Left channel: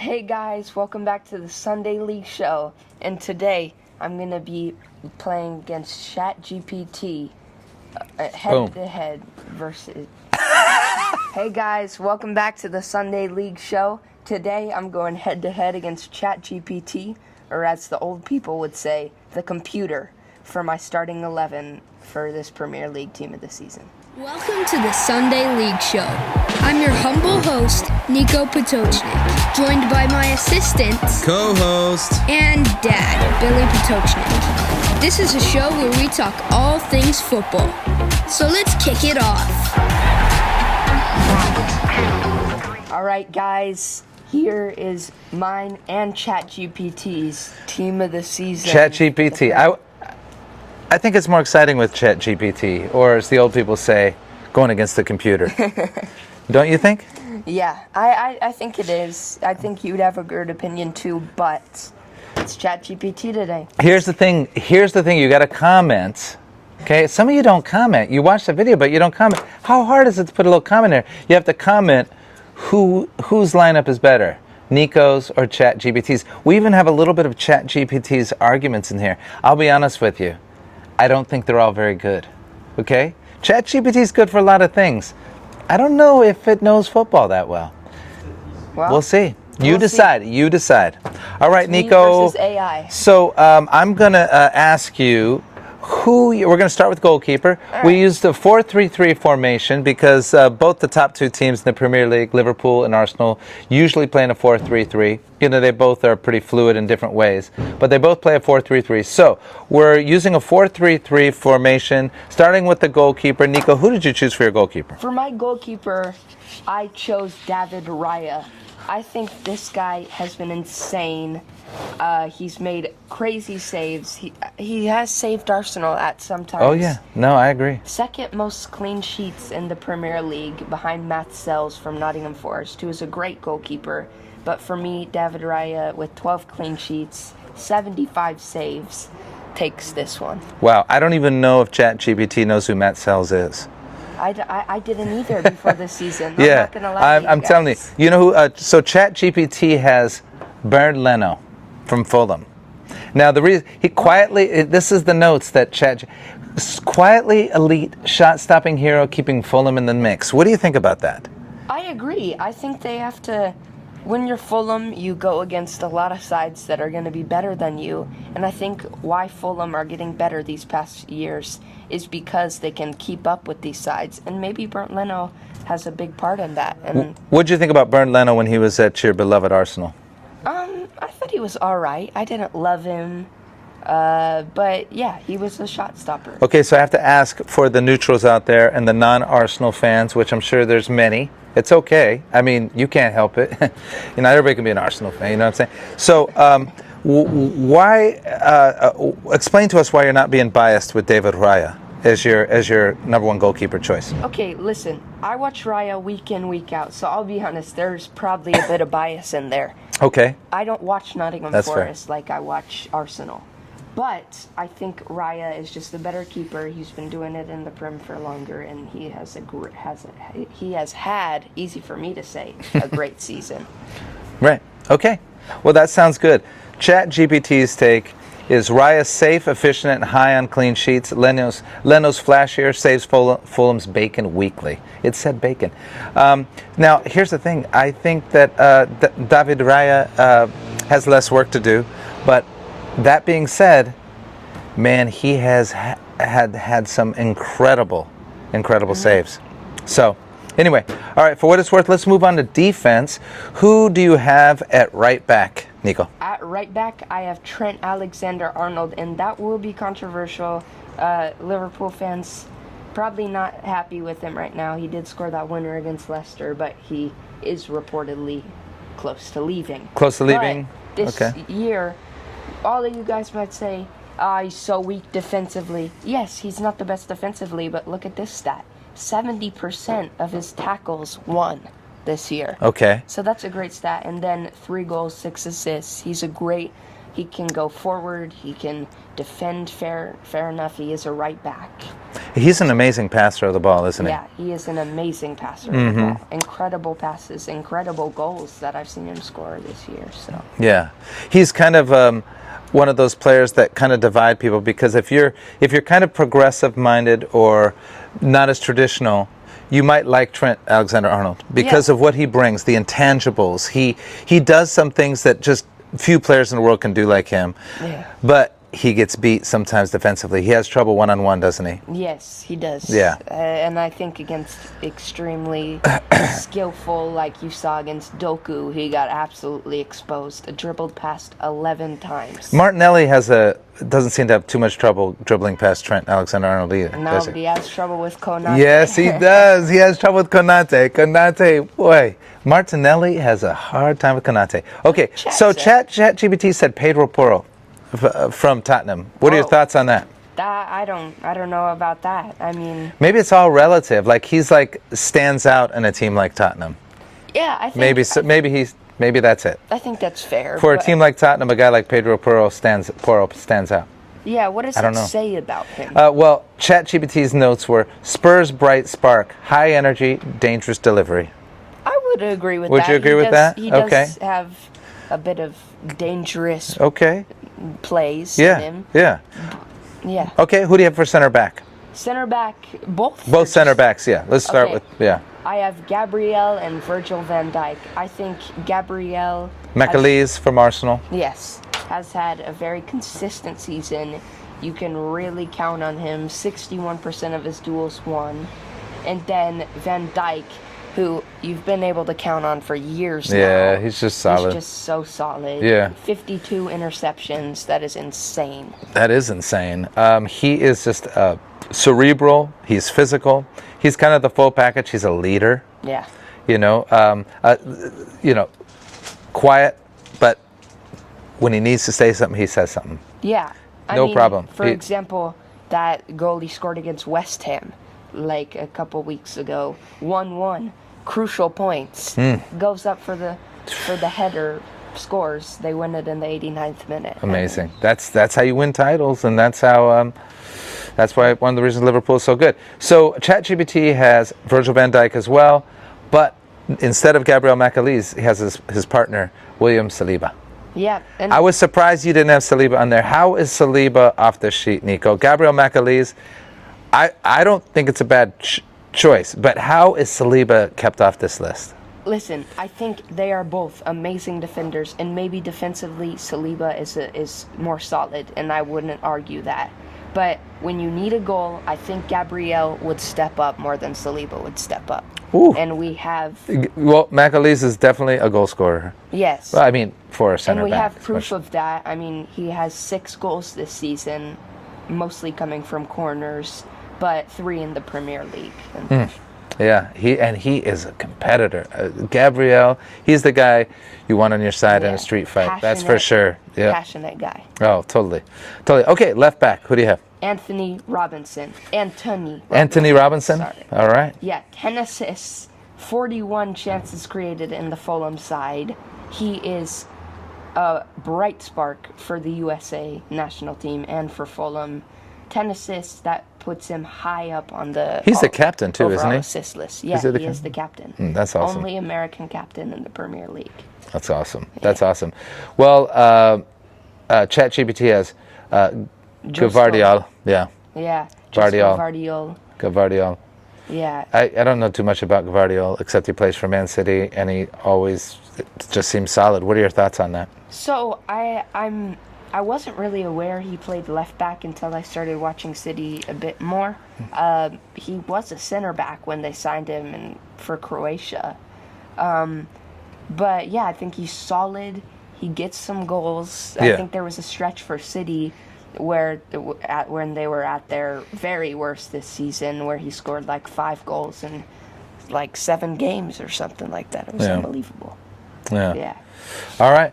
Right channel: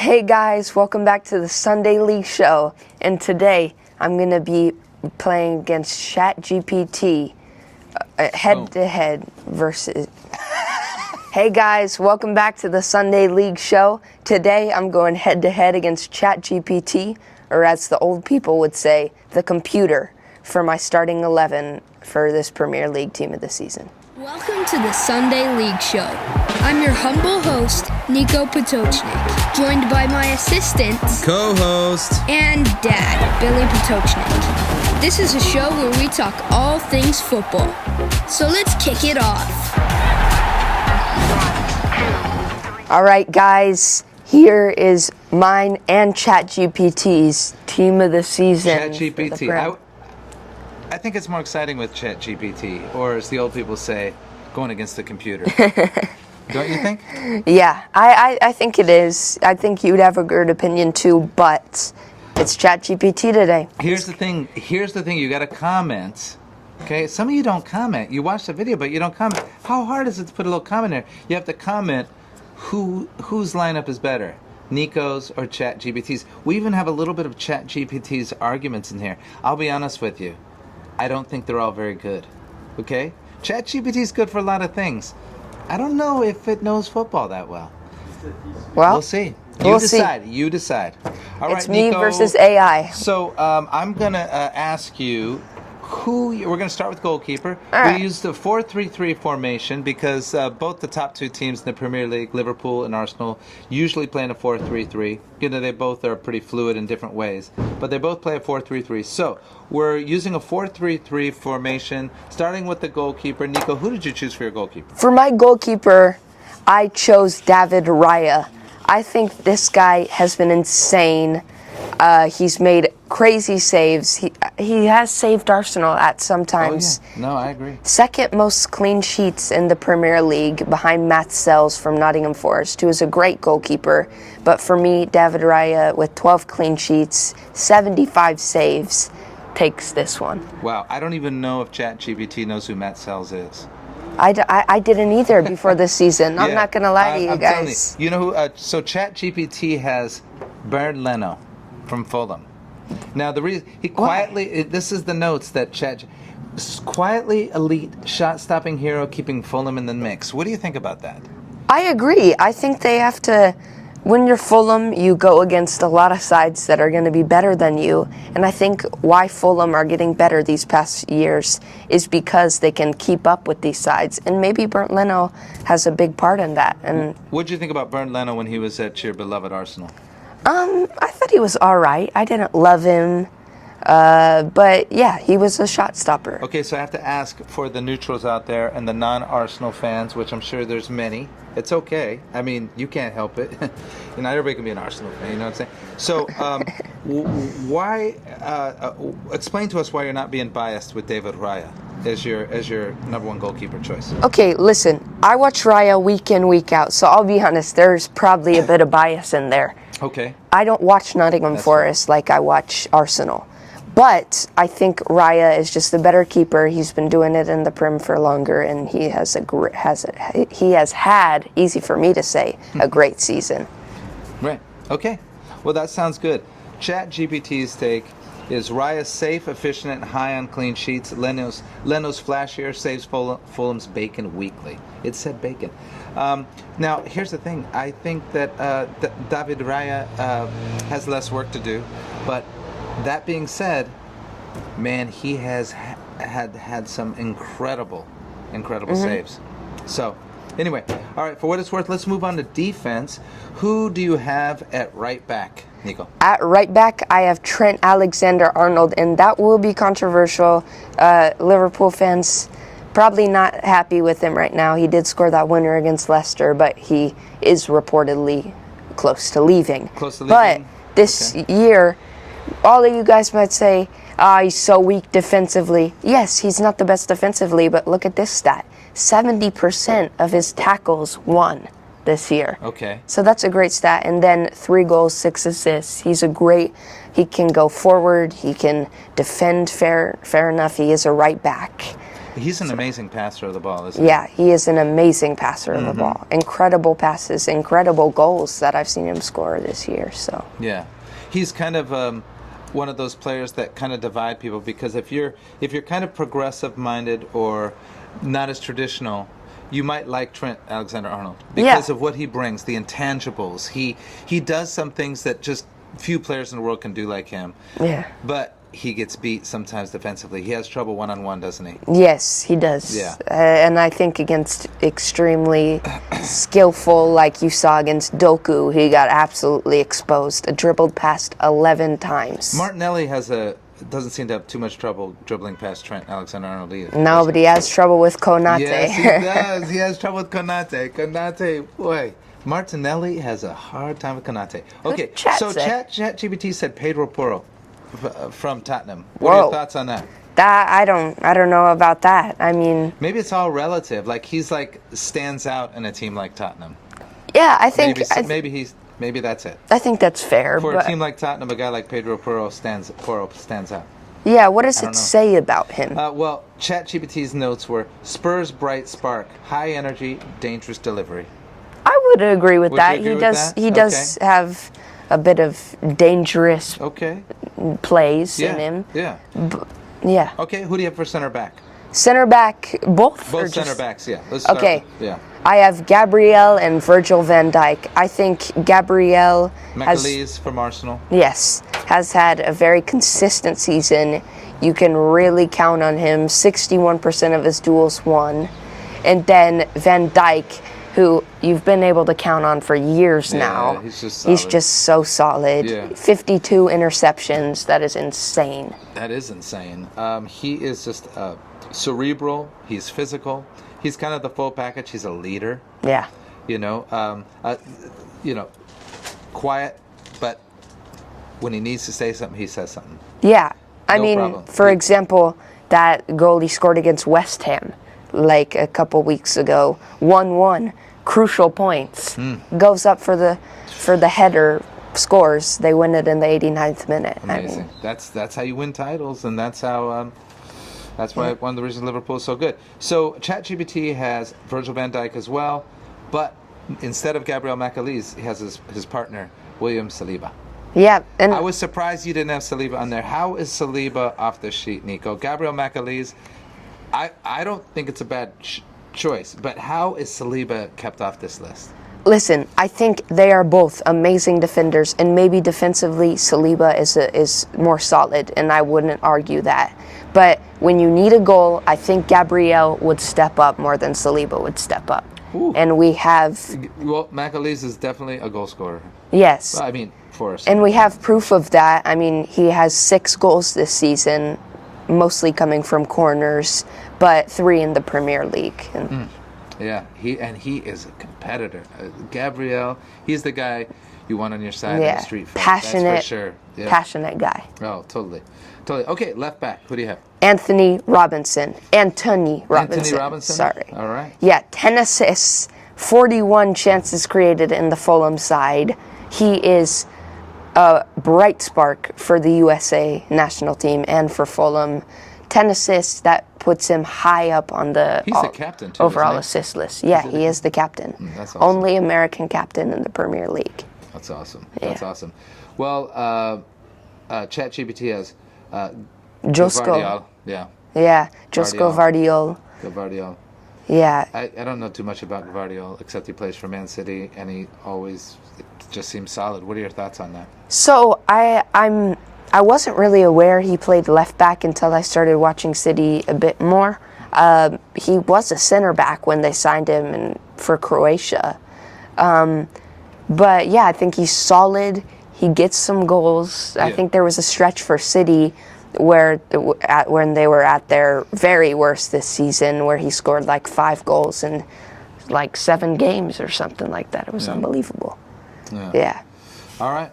Hey guys, welcome back to the Sunday League Show. And today I'm going to be playing against ChatGPT head-to-head versus... Hey guys, welcome back to the Sunday League Show. Today I'm going head-to-head against ChatGPT, or as the old people would say, the computer, for my starting 11 for this Premier League team of the season. Welcome to the Sunday League Show. I'm your humble host, Niko Potocznik, joined by my assistant, co-host, and dad, Billy Potocznik. This is a show where we talk all things football. So let's kick it off. All right, guys, here is mine and ChatGPT's team of the season. ChatGPT. I think it's more exciting with ChatGPT, or as the old people say, going against the computer. Don't you think? Yeah, I think it is. I think you'd have a good opinion too, but it's ChatGPT today. Here's the thing. You got to comment. Okay, some of you don't comment. You watch the video, but you don't comment. How hard is it to put a little comment there? You have to comment whose lineup is better, Niko's or ChatGPT's. We even have a little bit of ChatGPT's arguments in here. I'll be honest with you. I don't think they're all very good. Okay? ChatGPT is good for a lot of things. I don't know if it knows football that well. Well, we'll see. You decide. All right, me Niko. versus AI. So I'm going to ask you we're going to start with goalkeeper. All right. We used a 4-3-3 formation because both the top two teams in the Premier League, Liverpool and Arsenal, usually play in a 4-3-3. You know, they both are pretty fluid in different ways, but they both play a 4-3-3. So we're using a 4-3-3 formation, starting with the goalkeeper. Niko, who did you choose for your goalkeeper? For my goalkeeper, I chose David Raya. I think this guy has been insane. He's made crazy saves. He has saved Arsenal at some times. Oh, yeah. No, I agree. Second most clean sheets in the Premier League behind Matt Sells from Nottingham Forest, who is a great goalkeeper. But for me, David Raya, with 12 clean sheets, 75 saves, takes this one. Wow. I don't even know if ChatGPT knows who Matt Sells is. I didn't either before this season. I'm not going to lie to you I'm guys. telling you. You know who? So ChatGPT has Bernd Leno from Fulham. Now the reason he quietly, this is the notes that quietly elite shot-stopping hero, keeping Fulham in the mix. What do you think about that? I agree. I think they have to. When you're Fulham, you go against a lot of sides that are going to be better than you. And I think why Fulham are getting better these past years is because they can keep up with these sides. And maybe Bernd Leno has a big part in that. And what did you think about Bernd Leno when he was at your beloved Arsenal? I thought he was all right. I didn't love him. But yeah, he was a shot stopper. Okay, so I have to ask for the neutrals out there and the non-Arsenal fans, which I'm sure there's many. It's okay. I mean, you can't help it. You know, everybody can be an Arsenal fan. You know what I'm saying? So, explain to us why you're not being biased with David Raya as your number one goalkeeper choice. Okay, listen. I watch Raya week in, week out. So I'll be honest. There's probably a bit of bias in there. Okay. I don't watch Nottingham Forest like I watch Arsenal. But I think Raya is just the better keeper. He's been doing it in the Prem for longer, and he has had, easy for me to say, a great season. Right. Okay. Well, that sounds good. ChatGPT's take is Raya safe, efficient, and high on clean sheets. Leno's flashier, saves Fulham's bacon weekly. It said bacon. Now, here's the thing. I think that David Raya has less work to do, but that being said, man, he has had some incredible saves. So, anyway, all right, for what it's worth, let's move on to defense. Who do you have at right back, Niko? At right back, I have Trent Alexander-Arnold, and that will be controversial. Liverpool fans probably not happy with him right now. He did score that winner against Leicester, but he is reportedly close to leaving. Close to leaving? But this year, all of you guys might say, he's so weak defensively. Yes, he's not the best defensively, but look at this stat. 70% of his tackles won this year. Okay. So that's a great stat. And then 3 goals, 6 assists. He can go forward. He can defend fair enough. He is a right back. He's an amazing passer of the ball, isn't he? Yeah, he is an amazing passer of the ball. Incredible passes, incredible goals that I've seen him score this year. So Yeah, he's kind of one of those players that kind of divide people, because if you're kind of progressive minded or not as traditional, you might like Trent Alexander-Arnold because of what he brings, the intangibles. He does some things that just few players in the world can do like him. Yeah. But he gets beat sometimes defensively. He has trouble one-on-one, doesn't he? yes, he does. Yeah. And I think against extremely skillful, like you saw against Doku, he got absolutely exposed. Dribbled past 11 times. Martinelli doesn't seem to have too much trouble dribbling past Trent Alexander-Arnold either. No, does but he? he has trouble with Konate. Yes, he does. He has trouble with Konate. Konate, boy. Martinelli has a hard time with Konate. Okay, Chat so said. ChatGPT said Pedro Porro from Tottenham. What are your Whoa. thoughts on that? That I don't know about that. I mean, Maybe it's all relative. Like he's stands out in a team like Tottenham. yeah, I think Maybe that's it. I think that's fair. For a but- team like Tottenham, a guy like Pedro Porro stands out. yeah, what does I it don't know. say about him? Well, ChatGPT's notes were Spurs bright spark, high energy, dangerous delivery. I would agree with Would that. you agree he with does, that? He does have a bit of dangerous Okay. plays Yeah. in him. Yeah. Yeah. Okay. Who do you have for center back? Center back, both. or Both just- center backs. Yeah. Let's start Okay. with I have Gabriel and Virgil van Dijk. I think Gabriel McAleese from Arsenal. has had a very consistent season. You can really count on him. 61% of his duels won. And then Van Dijk, who you've been able to count on for years now. Yeah, he's just He's solid. just so solid. Yeah. 52 interceptions. That is insane. That is insane. He is just cerebral. He's physical. He's kind of the full package. He's a leader. Yeah. You know, quiet, but when he needs to say something, he says something. Yeah. I No mean, problem. for example, that goal he scored against West Ham, like a couple weeks ago, 1-1, crucial points, goes up for the header, scores. They win it in the 89th minute. I mean, Amazing. That's how you win titles, and that's how. That's why one of the reasons Liverpool is so good. So ChatGPT has Virgil van Dijk as well, but instead of Gabriel McAleese, he has his partner William Saliba. yeah, and I was surprised you didn't have Saliba on there. How is Saliba off the sheet, Nico? Gabriel McAleese, I don't think it's a bad choice, but how is Saliba kept off this list? listen, I think they are both amazing defenders, and maybe defensively Saliba is more solid, and I wouldn't argue that. But when you need a goal, I think Gabriel would step up more than Saliba would step up. Ooh. And we have, Well, McAleese is definitely a goal scorer. yes. Well, I mean, for a center And we back, have proof of that. I mean, he has 6 goals this season, mostly coming from corners, but 3 in the Premier League. And Yeah, he is a competitor. Gabriel, he's the guy you want on your side in yeah, a street fight. That's for passionate- sure. Yeah. Passionate guy. Oh, totally. Okay, left back. Who do you have? Anthony Robinson. Sorry. All right. Yeah, 10 assists, 41 chances created in the Fulham side. He is a bright spark for the USA national team and for Fulham. 10 assists, that puts him high up on the He's the captain too, overall isn't he? assist list. Yeah, he the he is the captain. That's awesome. Only American captain in the Premier League. That's awesome. That's awesome. Well, ChatGPT has Gvardiol. Yeah, Yeah, Josko Gvardiol. Vardiol. Gvardiol. Yeah, I don't know too much about Gvardiol, except he plays for Man City, and he always just seems solid. What are your thoughts on that? so I wasn't really aware he played left back until I started watching City a bit more. He was a center back when they signed him for Croatia. But yeah, I think he's solid. He gets some goals. I Yeah. think there was a stretch for City when they were at their very worst this season, where he scored like 5 goals in like 7 games or something like that. It was Yeah. unbelievable. Yeah. Yeah. All right.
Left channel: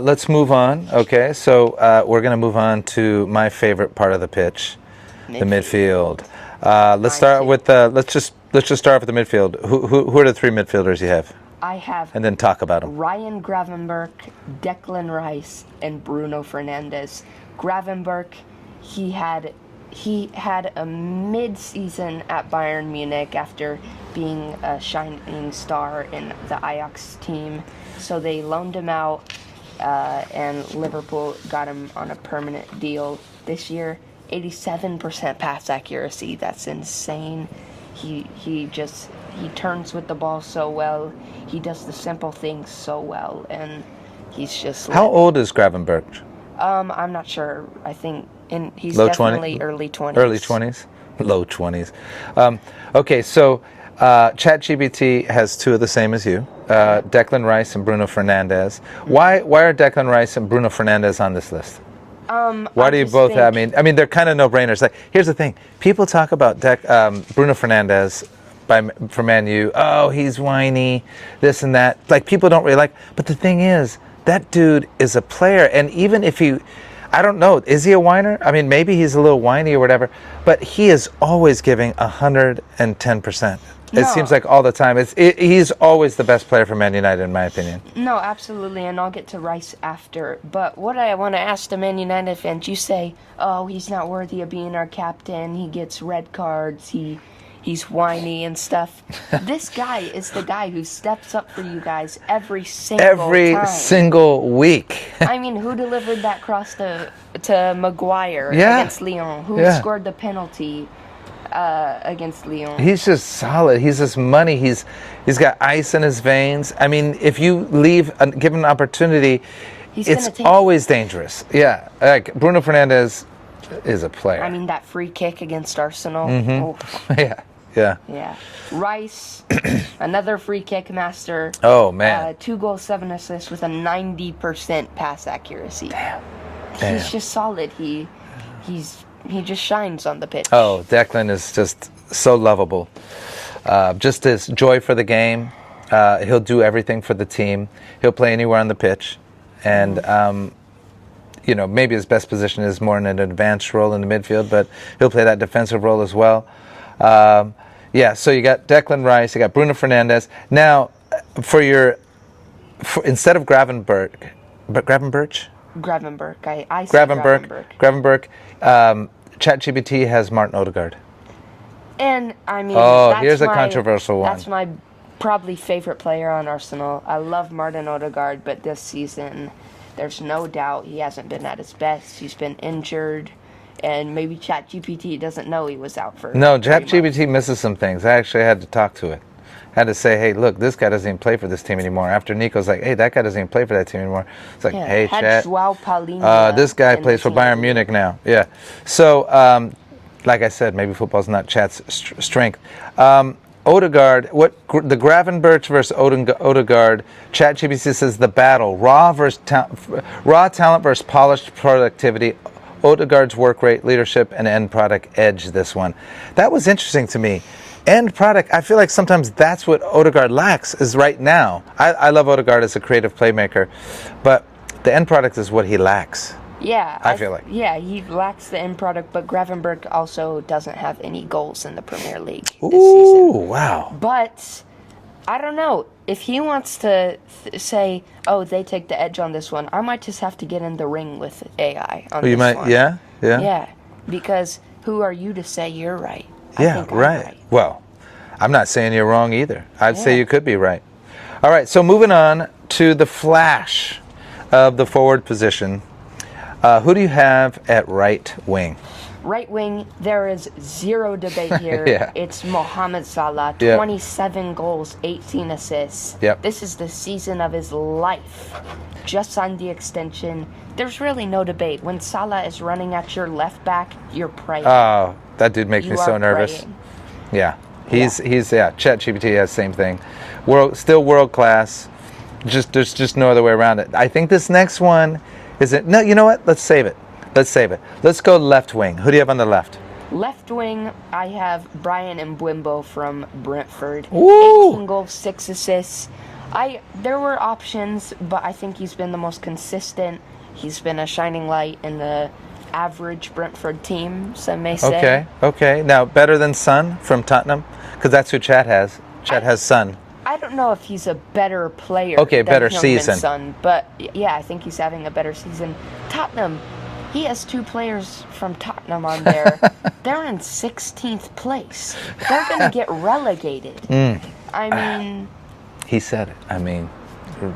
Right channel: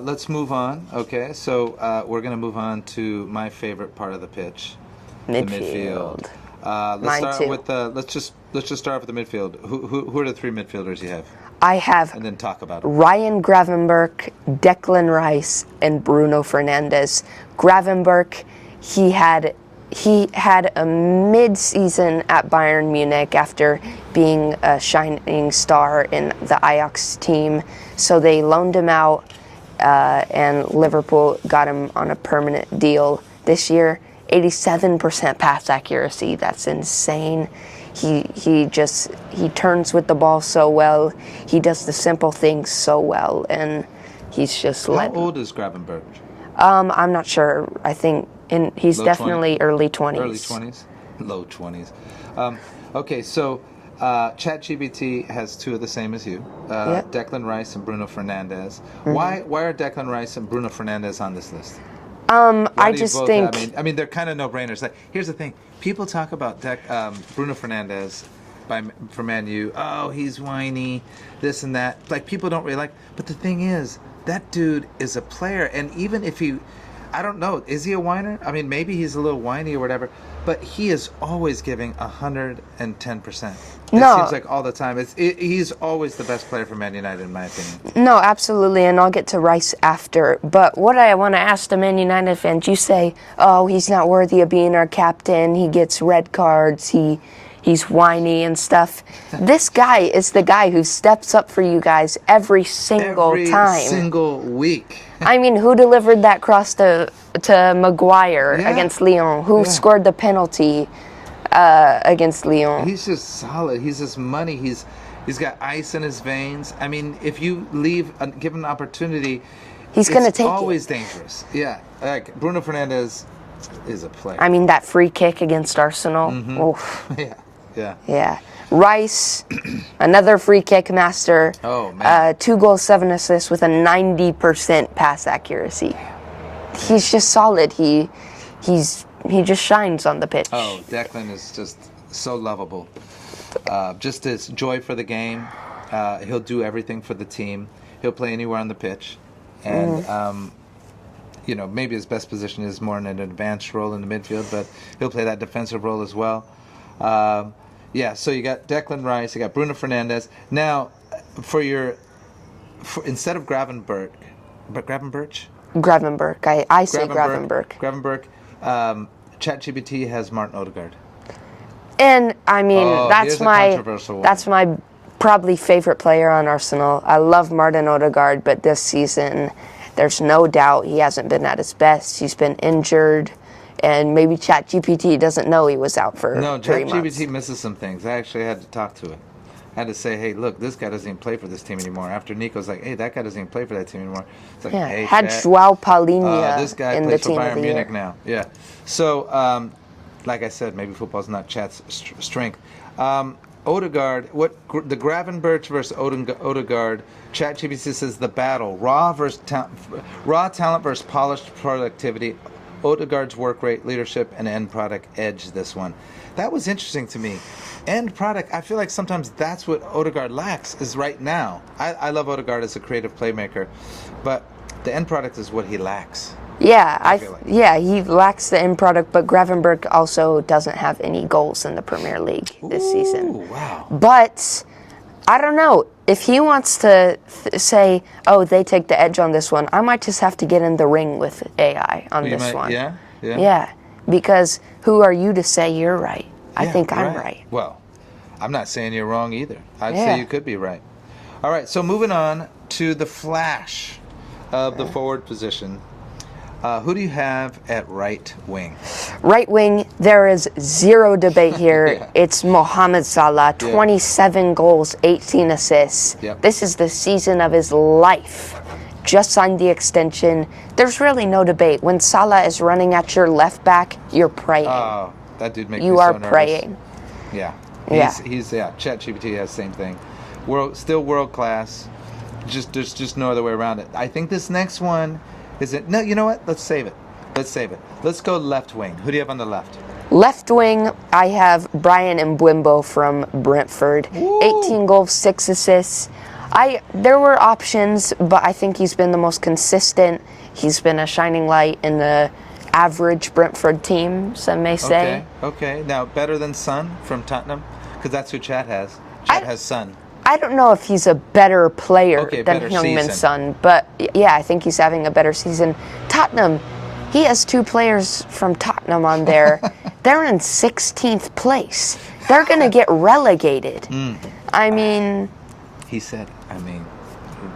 Let's move on. Okay, so we're going to move on to my favorite part of the pitch, the midfield. Let's Mine start too. with let's just start with the midfield. Who are the 3 midfielders you have, I have and then talk about them. Ryan Gravenberch, Declan Rice, and Bruno Fernandes. Gravenberch, he had he had a mid-season at Bayern Munich after being a shining star in the Ajax team. So they loaned him out, and Liverpool got him on a permanent deal this year. 87% pass accuracy. That's insane. He turns with the ball so well. He does the simple things so well, and he's just. How old is Gravenberch? I'm not sure. I think he's definitely early 20s. Early 20s? Low 20s. Okay, so ChatGPT has two of the same as you, Declan Rice and Bruno Fernandes. Mm-hmm. Why are Declan Rice and Bruno Fernandes on this list? Why do you both have? I mean, they're kind of no-brainers. Like, here's the thing: people talk about Bruno Fernandes for Man U. Oh, he's whiny, this and that. Like, people don't really like. But the thing is, that dude is a player, and even if I don't know, is he a whiner? I mean, maybe he's a little whiny or whatever, but he is always giving 110%. It seems like all the time. He's always the best player for Man United, in my opinion. No, absolutely, and I'll get to Rice after. But what I want to ask the Man United fans, you say, oh, he's not worthy of being our captain. He gets red cards. He's whiny and stuff. This guy is the guy who steps up for you guys every single time. Every single week. I mean, who delivered that cross to Maguire against Lyon? Who scored the penalty against Lyon? He's just solid. He's just money. He's got ice in his veins. I mean, if you give him an opportunity, it's always dangerous. Yeah, like Bruno Fernandes is a player. I mean, that free kick against Arsenal. Mm-hmm. Yeah. Rice, another free kick master. Oh, man. 2 goals, 7 assists with a 90% pass accuracy. Damn. He's just solid. He just shines on the pitch. Oh, Declan is just so lovable. Just his joy for the game. He'll do everything for the team. He'll play anywhere on the pitch. And, maybe his best position is more in an advanced role in the midfield, but he'll play that defensive role as well. So you got Declan Rice, you got Bruno Fernandes. Now, instead of Gravenberch, I say Gravenberch. ChatGPT has Martin Odegaard. And I mean, here's a controversial one. That's my probably favorite player on Arsenal. I love Martin Odegaard, but this season, there's no doubt he hasn't been at his best. He's been injured, and maybe ChatGPT doesn't know he was out for 3 months. ChatGPT misses some things. I actually had to talk to it. Had to say, hey, look, this guy doesn't even play for this team anymore. After Nico's like, hey, that guy doesn't even play for that team anymore. It's like, hey, Chat. Joao Paulinho. This guy plays for Bayern Munich now. Yeah. So, like I said, maybe football's not Chat's strength. Odegaard, the Gravenberch versus Odegaard, ChatGPT says the battle, raw talent versus polished productivity. Odegaard's work rate, leadership, and end product edge this one. That was interesting to me. End product, I feel like sometimes that's what Odegaard lacks is right now. I love Odegaard as a creative playmaker, but the end product is what he lacks. Yeah, I feel like. Yeah, he lacks the end product, but Gravenberch also doesn't have any goals in the Premier League this season. Ooh, wow. But I don't know. If he wants to say, oh, they take the edge on this one, I might just have to get in the ring with AI on this one. Yeah? Yeah, because who are you to say you're right? I think I'm right. Well, I'm not saying you're wrong either. I'd say you could be right. All right, so moving on to the flash of the forward position. Who do you have at right wing? Right wing, there is zero debate here. Yeah. It's Mohamed Salah, 27 goals, 18 assists. Yep. This is the season of his life. Just signed the extension. There's really no debate. When Salah is running at your left back, you're praying. Oh, that dude makes me so nervous. Praying. Yeah. He's ChatGPT has the same thing. Still world class. There's just no other way around it. I think this next one no, you know what? Let's save it. Let's go left wing. Who do you have on the left? Left wing, I have Brian Mbeumo from Brentford. Ooh. 18 goals, 6 assists. There were options, but I think he's been the most consistent. He's been a shining light in the average Brentford team, some may say. Okay. Now, better than Son from Tottenham? Because that's who Chat has. Chat has Son. I don't know if he's a better player than better Heung-min season. Son, but yeah, I think he's having a better season. Tottenham, He has 2 players from Tottenham on there. They're in 16th place. They're going to get relegated. I mean... He said it. I mean,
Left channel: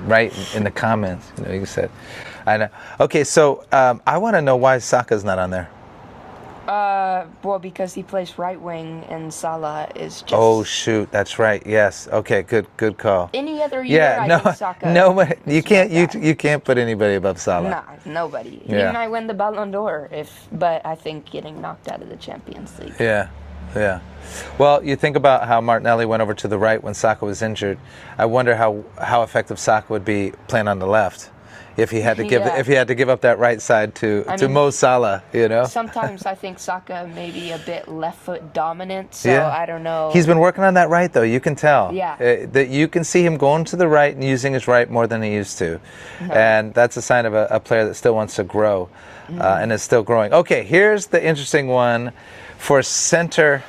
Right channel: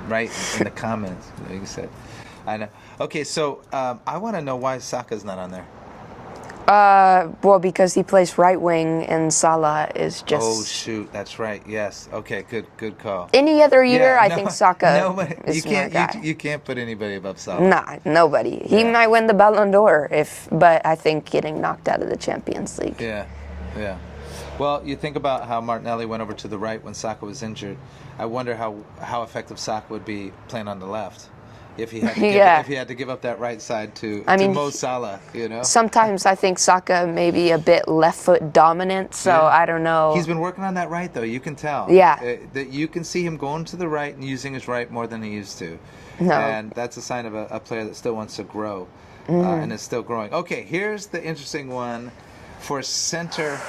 right in the comments. He said, I know. Okay, so I want to know why Saka's not on there. Well, because he plays right wing and Salah is just... Oh, shoot. That's right. Yes. Okay, good call. Any other year, I think Saka... No, you can't. you can't put anybody above Salah. Nah, nobody. He might win the Ballon d'Or, but I think getting knocked out of the Champions League. Yeah. Well, you think about how Martinelli went over to the right when Saka was injured. I wonder how effective Saka would be playing on the left if he had to give up that right side to Mo Salah, you know. Sometimes I think Saka may be a bit left foot dominant, so I don't know. He's been working on that right though. You can tell. Yeah. That you can see him going to the right and using his right more than he used to, and that's a sign of a player that still wants to grow, and is still growing. Okay, here's the interesting one for striker.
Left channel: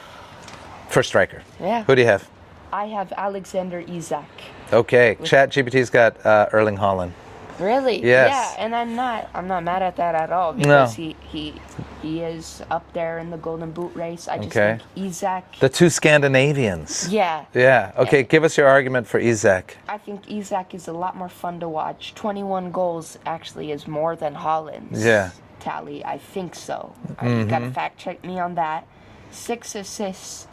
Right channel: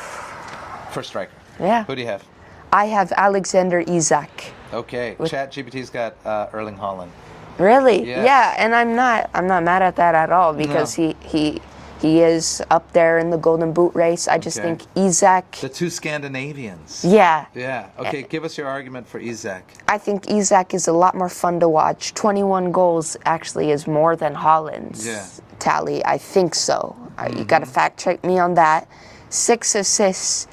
Yeah. Who do you have? I have Alexander Isak. Okay. ChatGPT's got Erling Haaland. Really? Yes. Yeah, and I'm not mad at that at all because he is up there in the Golden Boot race. I just think Isak. The 2 Scandinavians. Yeah. Yeah. Okay, give us your argument for Isak. I think Isak is a lot more fun to watch. 21 goals actually is more than Haaland's tally. I think so. You got to fact check me on that. 6 assists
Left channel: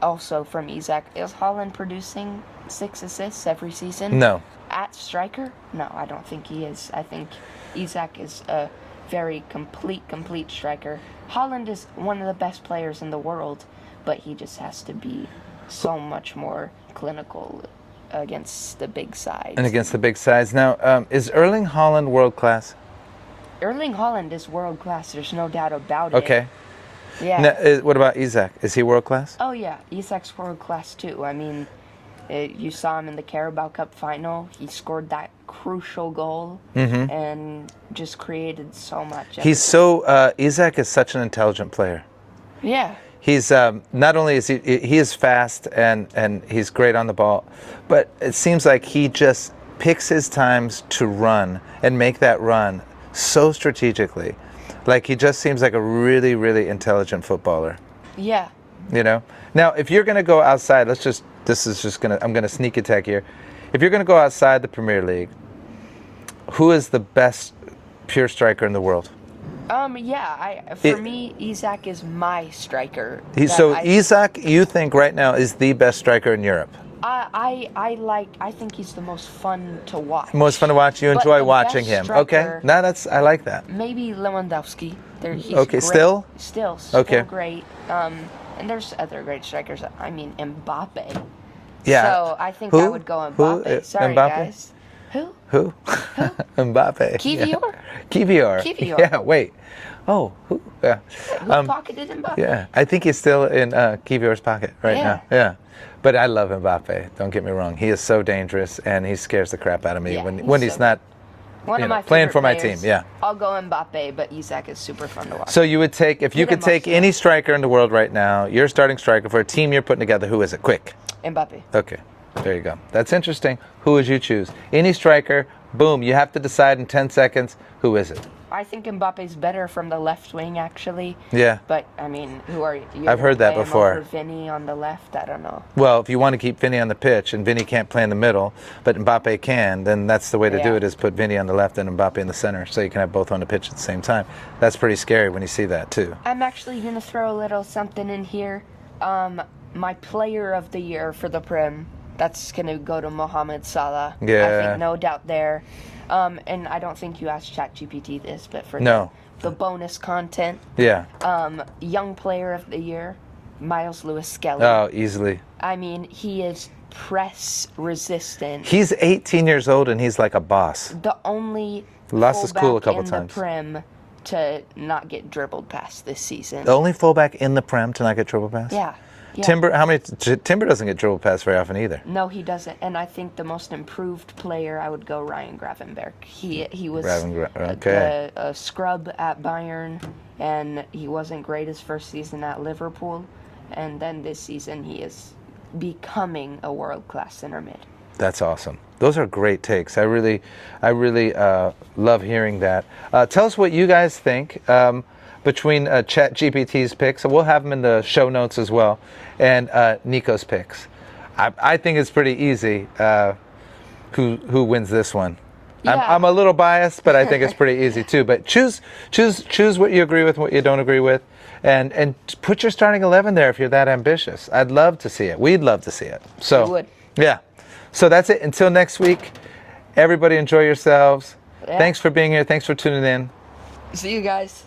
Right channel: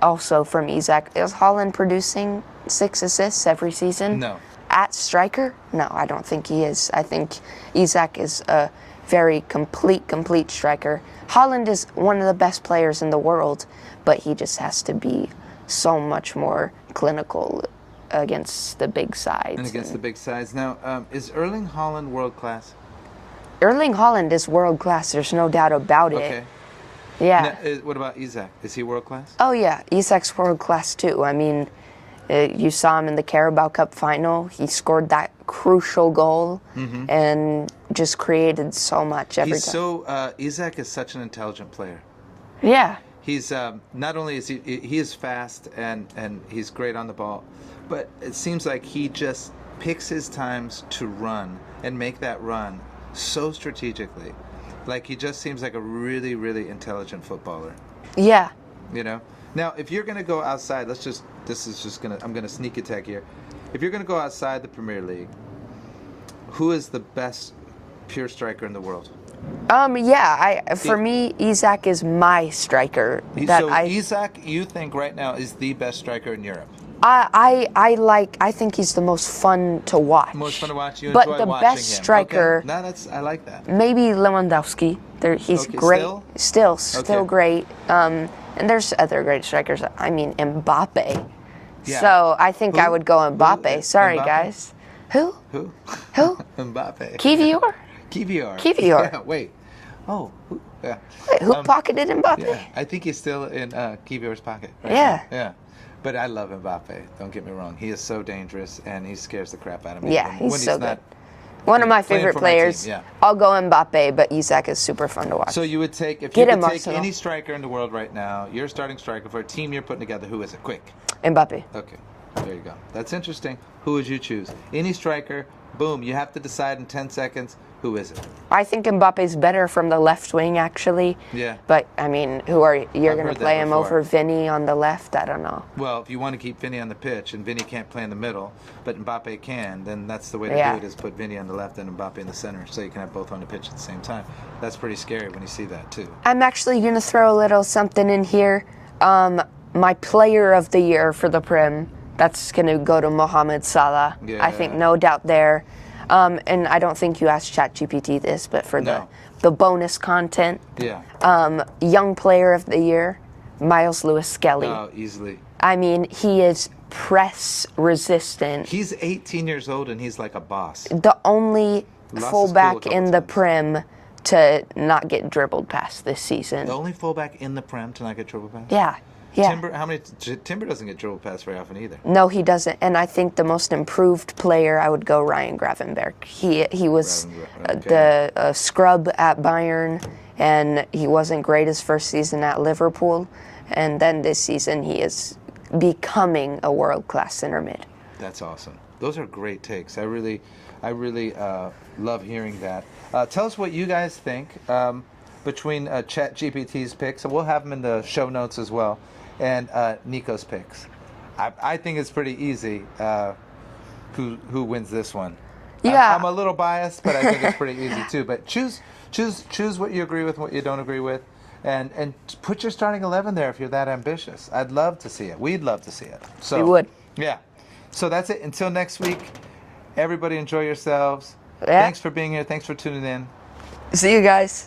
also from Isak. Is Haaland producing 6 assists every season? No. At striker? No, I don't think he is. I think Isak is a very complete striker. Haaland is one of the best players in the world, but he just has to be so much more clinical against the big sides. And against the big sides. Now, is Erling Haaland world class? Erling Haaland is world class. There's no doubt about it. Okay. Yeah. Now, what about Isak? Is he world class? Oh, yeah. Isak's world class, too. I mean, you saw him in the Carabao Cup final. He scored that crucial goal and just created so much. Isak is such an intelligent player. Yeah. He's not only is he is fast and he's great on the ball, but it seems like he just picks his times to run and make that run so strategically. Like he just seems like a really, really intelligent footballer. Yeah. You know? Now, if you're going to go outside, I'm going to sneak attack here. If you're going to go outside the Premier League, who is the best pure striker in the world? For me, Isak is my striker. Isak, you think right now is the best striker in Europe? I think he's the most fun to watch. Most fun to watch. You enjoy watching him. Striker, okay. I like that. Maybe Lewandowski. He's great. Still great. And there's other great strikers. I mean, Mbappé. Yeah. So I think I would go Mbappé. Sorry, Mbappé? guys. Who? Mbappé. Kivior. Yeah. Wait. Oh. Who? Yeah. Who pocketed Mbappé? Yeah. I think he's still in Kivior's pocket right now. Yeah. But I love Mbappé. Don't get me wrong. He is so dangerous, and he scares the crap out of me when he's not. One of my favorite players. Team, yeah. I'll go Mbappé, but Isak is super fun to watch. So you would take, if you could take any striker in the world right now, your starting striker for a team you're putting together, who is it? Quick. Mbappé. Okay. There you go. That's interesting. Who would you choose? Any striker, boom, you have to decide in 10 seconds, who is it? I think Mbappe's better from the left wing, actually. Yeah. But, I mean, you're going to play him over Vinny on the left? I don't know. Well, if you want to keep Vinny on the pitch and Vinny can't play in the middle, but Mbappé can, then that's the way to do it, is put Vinny on the left and Mbappé in the center, so you can have both on the pitch at the same time. That's pretty scary when you see that, too. I'm actually going to throw a little something in here. My player of the year for the Prem, that's going to go to Mohamed Salah. Yeah. I think no doubt there. And I don't think you asked ChatGPT this, but for the bonus content. Yeah. Young player of the year, Miles Lewis-Skelly. Oh, easily. I mean, he is press resistant. He's 18 years old and he's like a boss. The only fullback in the Prem to not get dribbled past this season. The only fullback in the Prem to not get dribbled past? Yeah. Timber, Timber doesn't get dribbled past very often either. No, he doesn't. And I think the most improved player, I would go Ryan Gravenberch. He was the scrub at Bayern, and he wasn't great his first season at Liverpool. And then this season, he is becoming a world-class center mid. That's awesome. Those are great takes. I really love hearing that. Tell us what you guys think between ChatGPT's picks. We'll have them in the show notes as well, and Niko's picks. I think it's pretty easy who wins this one. Yeah. I'm a little biased, but I think it's pretty easy too. But choose what you agree with, what you don't agree with, and put your starting 11 there if you're that ambitious. I'd love to see it. We'd love to see it. So We would. Yeah. So that's it. Until next week, everybody enjoy yourselves. Yeah. Thanks for being here. Thanks for tuning in. See you guys.